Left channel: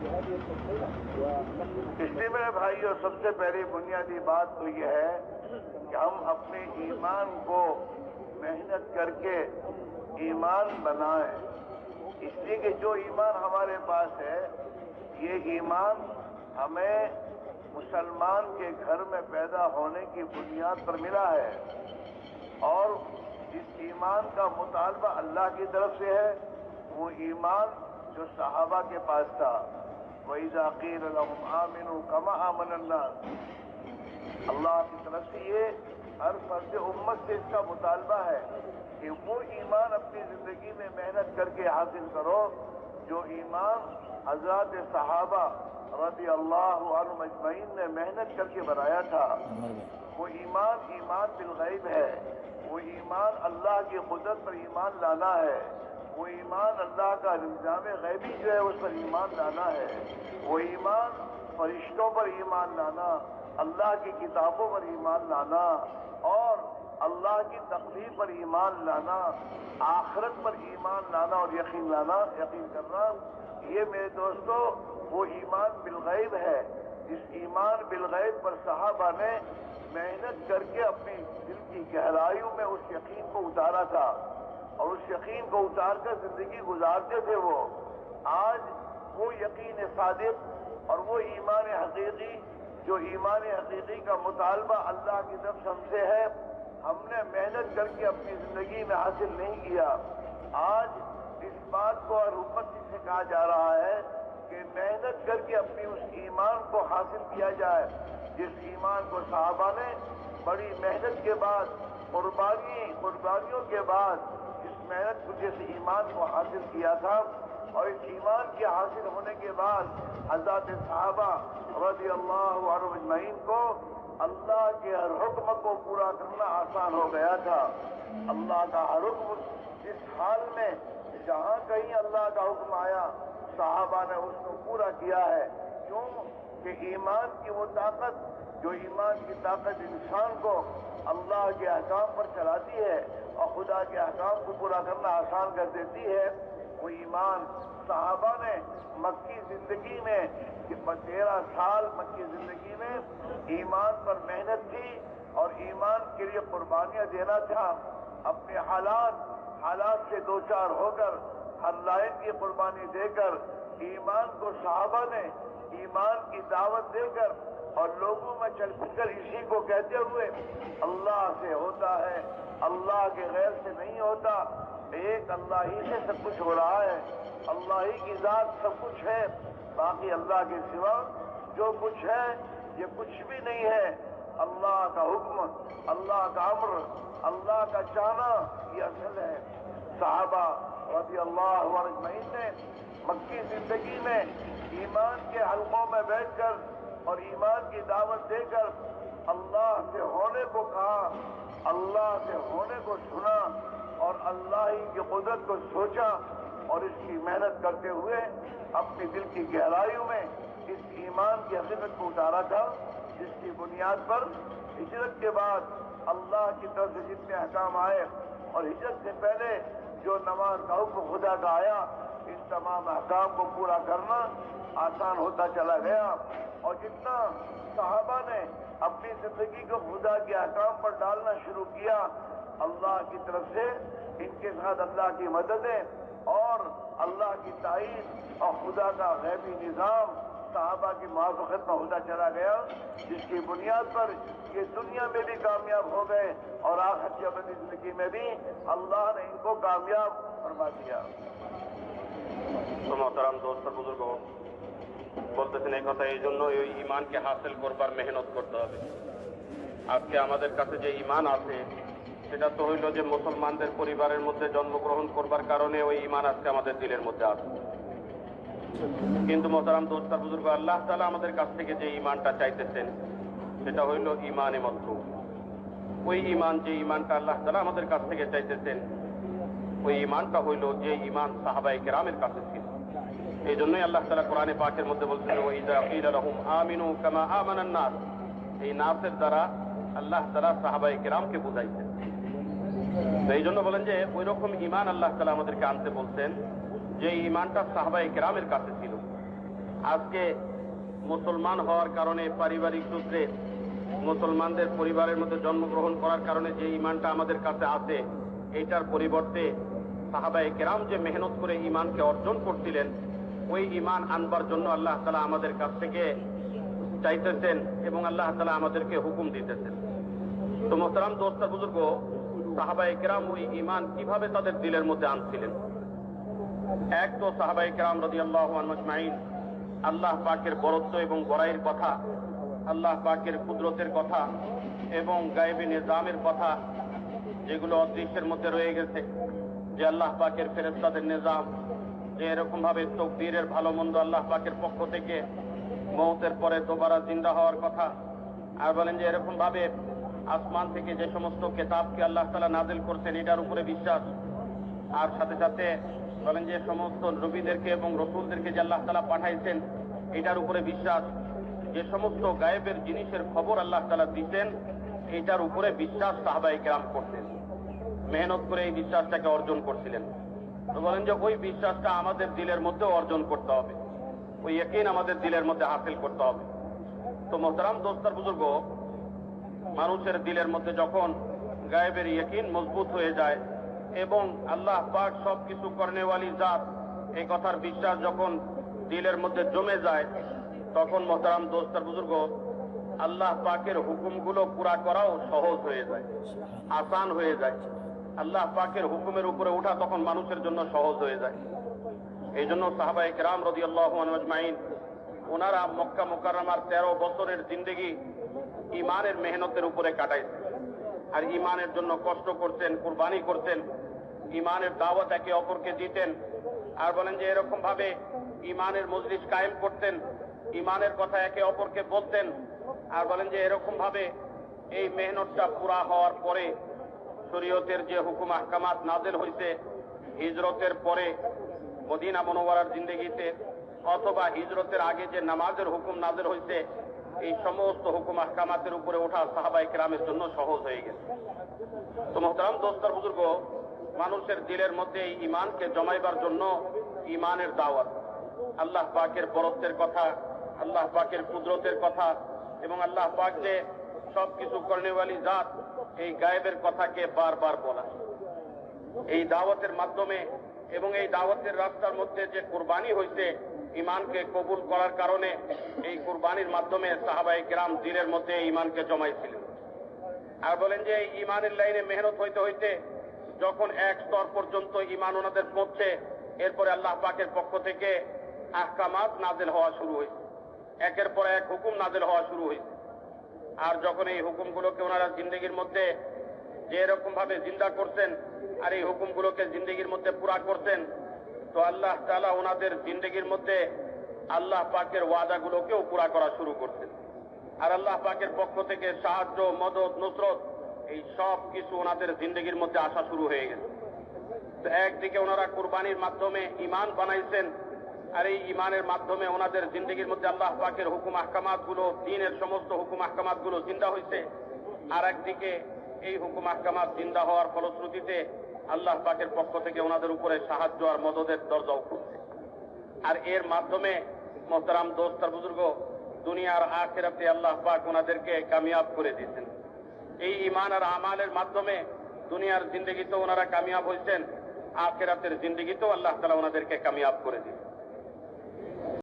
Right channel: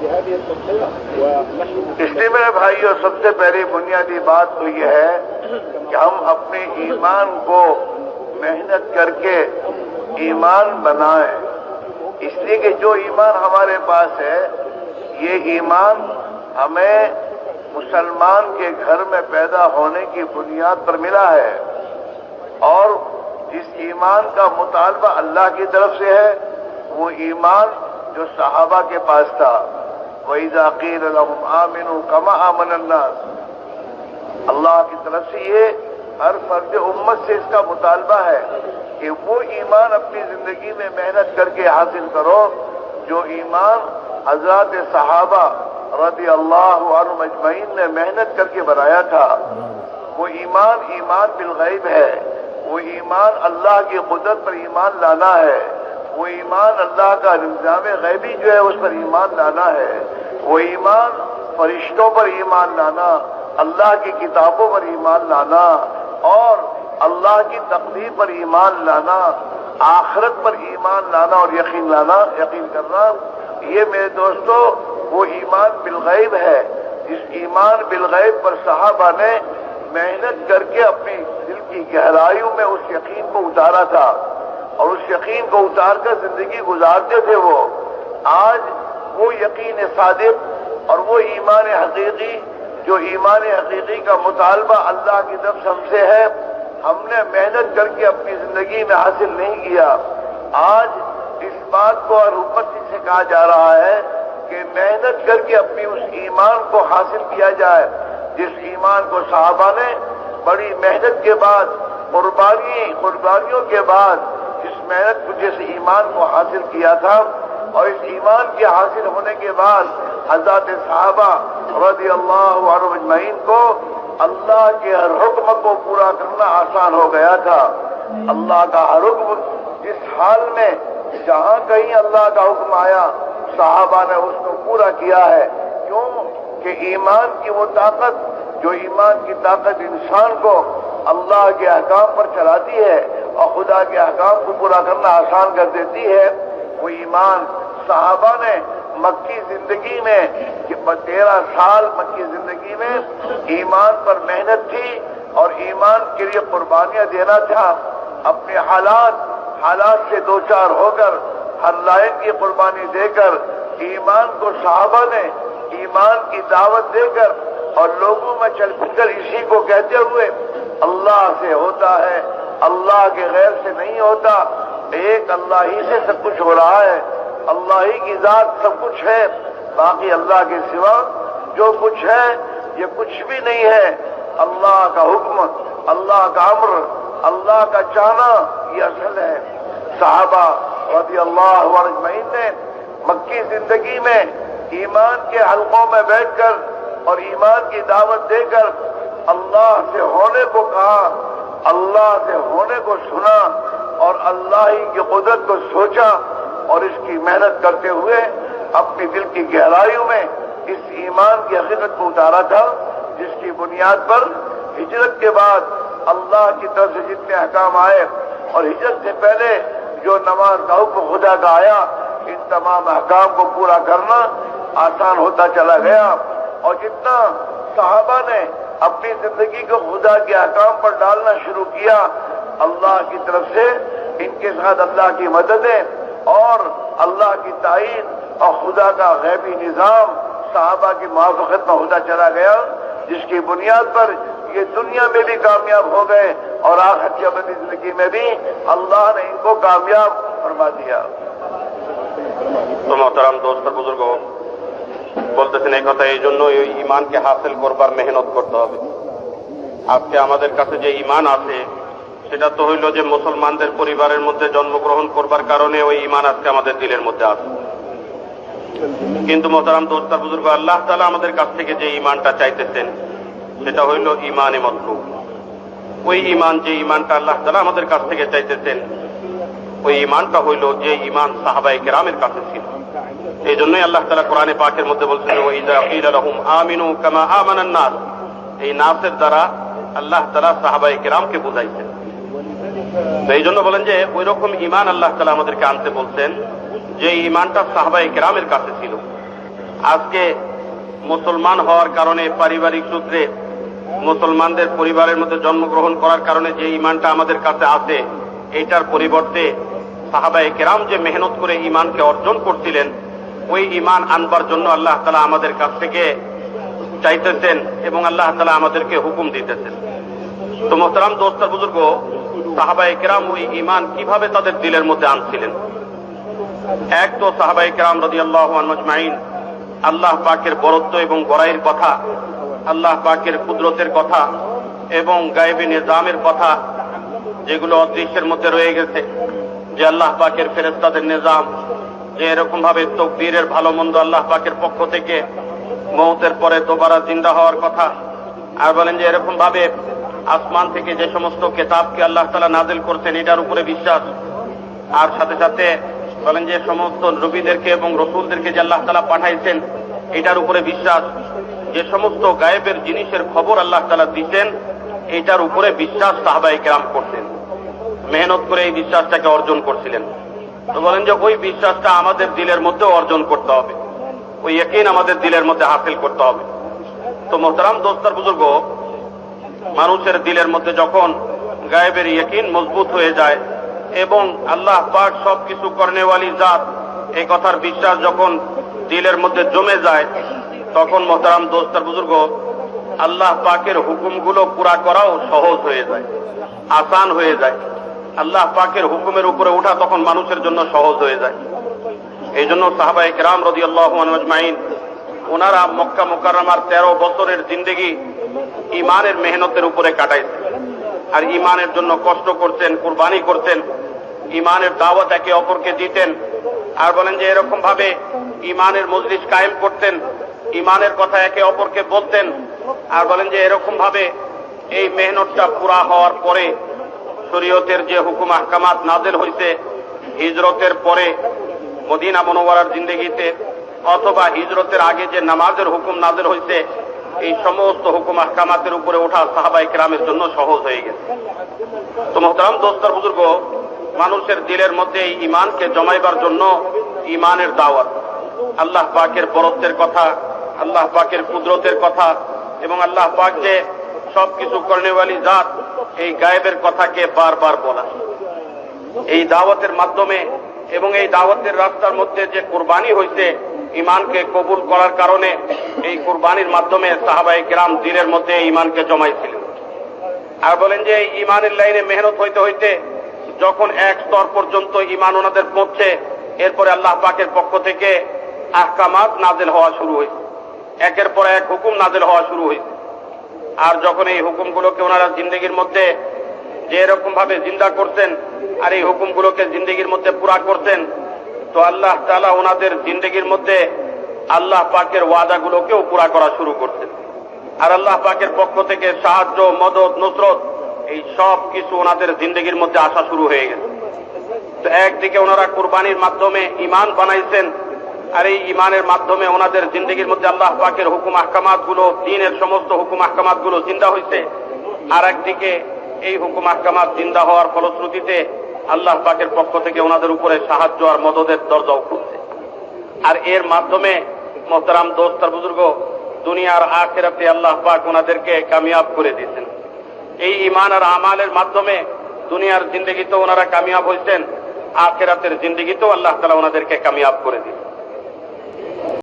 اس لیے میرے بھائیوں سب سے پہلی بنیادی بات تو یہ ہے کہ ہم اپنے ایمان کو محنت کر کے ایمان بنائیں. اس لیے کہ جو ایمان ہمارے پاس ہے یہ ایمان ہمیں مسلمان کے گھر میں پیدا ہونے کی بنیاد پر ملا ہے، اور جس ایمان کا مطالبہ اللہ کی طرف سے ہے وہ ایمان جو صحابہ کے پاس تھا. وَإِذَا قِيلَ لَهُمْ آمِنُوا كَمَا آمَنَ النَّاسُ، اللہ کی طرف سے یہ ہر فرد امت سے اس کا مطالبہ ہے کہ وہ ایمان اپنی زندگی میں محنت کر کے حاصل کرو جو ایمان حضرات صحابہ رضی اللہ عنہم اجمعین نے محنت کر کے بنایا تھا. وہ ایمان بالغیب ہے، وہ ایمان اللہ کی قدرت پر ایمان لانا ہے، وہ ایمان اللہ کا نظام غیبی جو ہے اس پر ایمان لانا ہے، وہ ایمان فرشتوں پر ایمان لانا، اللہ کی کتابوں پر ایمان لانا، اور اللہ کی تقدیر پر ایمان لانا، آخرت پر ایمان لانا اور یقین کرنا. یہ میرے دوستو وہ ایمان بالغیب ہے جس ایمان بالغیب پر صحابہ نے محنت کر کے اپنی دل کی گہرائیوں میں اس یقین کو اتارا تھا، اور اس یقین کو اتار کر زندگی گزارتے تھے. وہ آج وہ یقین صادق اور وہ ایمان حقیقی جو ایمان حقیقی کا مطالبہ اللہ کی طرف سے ہم سے ہے، ہم نے محنت کر کے اپنی زندگی میں حاصل نہیں کیا. آج اس بات کو اور امت سے کہا جا رہا ہے کہ محنت کر کے اپنی اس ایمان کو حاصل کیا جائے جس ایمان کو صحابہ نے بڑی محنت کے بعد قربانیوں کے بعد اس محنت کو جس ایمان کو حاصل کیا تھا. اور اس ایمان کے حاصل ہونے کے بعد حضرات صحابہ رضی اللہ عنہم اجمعین کو اللہ کے ہر حکم کو پورا کرنا آسان ہو گیا تھا. اللہ کا ہر حکم جس حال میں جہاں کہیں اللہ کا حکم آیا صحابہ نے اس کو پورا کیا ہے. کیوں کہ ایمان کی وہ طاقت جو ایمان کی طاقت انسان کو اللہ کے احکام پر چلاتی ہے اور خدا کے احکام کو پورا کرنا آسان کر دیتی ہے، وہ ایمان صحابہ نے مکی زندگی میں 13 سال مکی زندگی میں ایمان پر محنت تھی اور ایمان کے لیے قربانیاں دینا تھا. اپنے حالات سے دوچار ہو کر ہر لائق کی قربانی دے کر ایمان کو صحابہ نے ایمان کی دعوت دے کر اور لوگوں میں چل پھر کر اسی کو کہتے ہوئے اللہ سے ہوتا ہے، اللہ کے غیر سے نہیں ہوتا، ایک اللہ ہی سے سب کچھ ہو رہا ہے، اللہ ہی کی ذات سب کچھ ہے، باقی اللہ کے سوا جو کچھ ہے یہ کچھ بھی نہیں ہے. اللہ کا حکم، اللہ کا امر، اللہ کا چاہنا یہ اصل ہے. صحابہ رضی اللہ عنہم اجمعین نے مکی زندگی میں ایمان کے حلقوں میں بیٹھ کر اور ایمان کی دعوت دے کر اللہ سے ہونے کو کہا، اللہ سے ہونے کو سنا اور اللہ ہی کی قدرت کو سوچا اور اس کی محنت کرتے ہوئے اپنی دل کی گہرائیوں میں اس ایمان کی حقیقت کو اتارا تھا جس کی بنیاد پر ہجرت کے بعد اللہ کی طرف سے جتنے احکام آئے اور ہجرت سے پہلے جو نماز کا حکم خدا کا آیا، ان تمام احکام کو پورا کرنا آسان ہوتا چلا گیا. اور جتنا صحابہ نے اپنی زندگی کو خدا کے احکام پر ڈالنا شروع کیا، اللہ کی طرف سے ان کے ساتھ اللہ کی مددیں اور اللہ کی تائید اور خدا کا غیبی نظام صحابہ کی موافقت میں ہوتا چلا گیا، جس کی بنیاد پر یہ دنیا میں بھی کامیاب ہو گئے اور آخرت کی ابدی زندگی میں بھی اللہ نے ان کو کامیاب فرما دیا. তো মহতারাম দোস্ত বুজুর্গ বলতেছেন এই কথা এই জন্য এই ইমানকে হাসিল করবার মেহনত করতে হবে. আজকে আমাদের কাছে যে ইমান আছে সেটা তো হইল যে মুসলমানদের পরিবারের মধ্যে জন্মগ্রহণ করবার কারণে ওই ইমান আজকে আমাদের দিলের মধ্যে আছে. কিন্তু মহতারাম দোস্ত বুজুর্গ আল্লাহ তাআলা আমাদের কাছ থেকে যে ইমানটা চাইতেছেন সেটা হইল ইমানে মতলুব. ওই ইমান যে ইমানটা আল্লাহ তাআলা আমাদের কাছ থেকে চাইতেছেন ওই ইমানটা হইল যে ইমান সাহাবায়ে কেরামের কাছে ছিল. এই জন্যই আল্লাহ তাআলা কোরআনে পাকের মধ্যে বলছেন ওয়াইযা কিলা লাহুম আমিনু কামা আমানান নাস, এই নাসের দ্বারা আল্লাহ তাআলা সাহাবায়ে কেরামকে বুঝাইছেন. তো এই জন্য বলেন যে ওই রকম ইমান আল্লাহ তাআলা আমাদেরকে আনতে বলছেন যে ইমানটা সাহাবায়ে কেরামের কাছে ছিল. আজকে মুসলমান হওয়ার কারণে পারিবারিক সূত্রে মুসলমানদের পরিবারের মধ্যে জন্মগ্রহণ করার কারণে যে ঈমানটা আমাদের কাছে আছে, এইটার পরিবর্তে সাহাবায়ে কেরাম যে মেহনত করে ঈমানকে অর্জন করছিলেন, ওই ঈমান আনবার জন্য আল্লাহ তাআলা আমাদের কাছ থেকে চাইতেছেন এবং আল্লাহ তাআলা আমাদেরকে হুকুম দিতেছেন। তো মোহতারাম দোস্ত আর বুজুর্গ, সাহাবায়ে কেরাম ওই ঈমান কিভাবে তাদের দিলের মধ্যে আনছিলেন? এক তো সাহাবায়ে কেরাম রাদিয়াল্লাহু আনহুম আজমাইন আল্লাহ পাকের বরত্ব এবং বড়াইয়ের কথা, আল্লাহ পাকের কুদরতের কথা এবং গায়েবী নিজামের কথা, যেগুলো অদৃশ্যের মধ্যে রয়ে গেছে, যে আল্লাহ পাকের ফেরেশতাদের নিজাম, যে এরকম ভাবে তকদীরের ভালো মন্দ আল্লাহ পাকের পক্ষ থেকে, মওতের পরে দোবারা জিন্দা হওয়ার কথা, আর বলেন যে এরকম ভাবে আসমান থেকে যে সমস্ত কিতাবকে আল্লাহ তাআলা নাযিল করছেন এটার উপরে বিশ্বাস, আর সাথে সাথে বলেন যে সমস্ত নবীদেরকে এবং রাসূলদেরকে যে আল্লাহ তাআলা পাঠাইছেন এটার উপরে বিশ্বাস, যে সমস্ত গায়েবের জিনিসের খবর আল্লাহ তাআলা দিতেন এটার উপরে বিশ্বাস সাহাবায়ে কেরাম করতেন, মেহনত করে এই বিশ্বাসটাকে অর্জন করছিলেন। তো বলেন যে ওই বিশ্বাসটা আমাদের দিলের মধ্যে অর্জন করতে হবে, ওই ইয়াকিন আমাদের দিলের মধ্যে হাসিল করতে হবে। তো মোহতারাম দোস্তার বুজুর্গ, মানুষের দিলের মধ্যে যখন গায়েবের ইয়াকিন মজবুত হয়ে যায় এবং আল্লাহ পাক সবকিছু করনেওয়ালি জাত, এই কথার বিশ্বাস যখন দিলের মধ্যে জমে যায়, তখন মোহতারাম দোস্তার বুজুর্গ, আল্লাহ পাকের হুকুমগুলো পুরা করাও সহজ হয়ে যায়, আসান হয়ে যায়। আল্লাহ পাকের হুকুমের উপরে ওঠা তখন মানুষের জন্য সহজ হয়ে যায়। এই জন্য সাহাবায়ে কেরাম রাদিয়াল্লাহু আনহুম আজমাইন ওনারা মক্কা মুকাররমার 13 বছরের জিন্দেগি ঈমানের মেহনতের উপরে কাটাইছেন, আর ঈমানের জন্য কষ্ট করতেন, কুরবানি করতেন, ঈমানের দাওয়াত একে অপরকে দিতেন, আর বলেন যে এরকম ভাবে ঈমানের মজলিস কায়েম করতেন, ঈমানের কথা একে অপরকে বলতেন, আর বলেন যে এরকম ভাবে এই মেহনতটা পুরা হওয়ার পরে শরীয়তের যে হুকুম আহকামাত নাযিল হইছে হিজরতের পরে মদিনা মুনাওয়ারার জিন্দেগিতে, অথবা হিজরতের আগে যে নামাজের হুকুম নাযিল হইছে, এই সমস্ত হুকুম আহকামাতের উপরে ওঠা সাহাবায়ে কেরামের জন্য সহজ হয়ে গেছে। তো মোহতারাম দোস্তার বুজুর্গ, মানুষের দিলের মধ্যে এই ঈমানকে জমাইবার জন্য ঈমানের দাওয়াত, আল্লাহ পাকের বরত্বের কথা, আল্লাহ পাকের কুদরতের কথা এবং আল্লাহ পাক যে সবকিছু করনেওয়ালি জাত, এই গায়েবের কথাকে বারবার বলা, এই দাওয়াতের মাধ্যমে এবং এই দাওয়াতের রাস্তার মধ্যে যে কুরবানি হইছে ঈমানকে কবুল করার কারণে, এই কুরবানির মাধ্যমে সাহাবায়ে কেরাম দিলের মধ্যে ঈমানকে জমাইছিলেন। আর বলেন যে ঈমানের লাইনে মেহনত হইতে হইতে যখন এক স্তর পর্যন্ত ঈমান ওনাদের পৌঁছে, এরপরে আল্লাহ পাকের পক্ষ থেকে আহকামাত নাযিল হওয়া শুরু হয়েছে, একের পর এক হুকুম নাযিল হওয়া শুরু হয়েছে। আর যখন এই হুকুমগুলোকে ওনারা জিন্দেগির মধ্যে যে এরকম ভাবে জিন্দা করতেন আর এই হুকুমগুলোকে জিন্দেগির মধ্যে পুরা করতেন, তো আল্লাহ তাআলা ওনাদের জিন্দেগির মধ্যে আল্লাহ পাকের ওয়াদাগুলোকেও পুরা করা শুরু করতেন, আর আল্লাহ পাকের পক্ষ থেকে সাহায্য, মদদ, নুসরত, এই সব কিছু ওনাদের জিন্দেগির মধ্যে আসা শুরু হয়ে গেছে। তো একদিকে ওনারা কুরবানির মাধ্যমে ঈমান বানাইছেন, আর এই ঈমানের মাধ্যমে ওনাদের জিন্দেগির মধ্যে আল্লাহ পাকের হুকুম আহকামাত গুলো, দ্বীনের সমস্ত হুকুম আহকামাত গুলো জিন্দা হয়েছে, আর একদিকে এই হুকুম আহকামাত জিন্দা হওয়ার ফলশ্রুতিতে আল্লাহ পাকের পক্ষ থেকে ওনাদের উপরে সাহায্য আর মদদের দরজাও খুলছে। আর এর মাধ্যমে মোহতারাম দোস্ত আর বুজুর্গ, দুনিয়ার আখিরাতে আল্লাহ পাক ওনাদেরকে কামিয়াব করে দিয়েছেন। এই ঈমান আর আমালের মাধ্যমে দুনিয়ার জিন্দেগিতেও ওনারা কামিয়াব হয়েছেন, আখিরাতের জিন্দেগিতেও আল্লাহ তাআলা ওনাদেরকে কামিয়াব করে দিয়েছেন।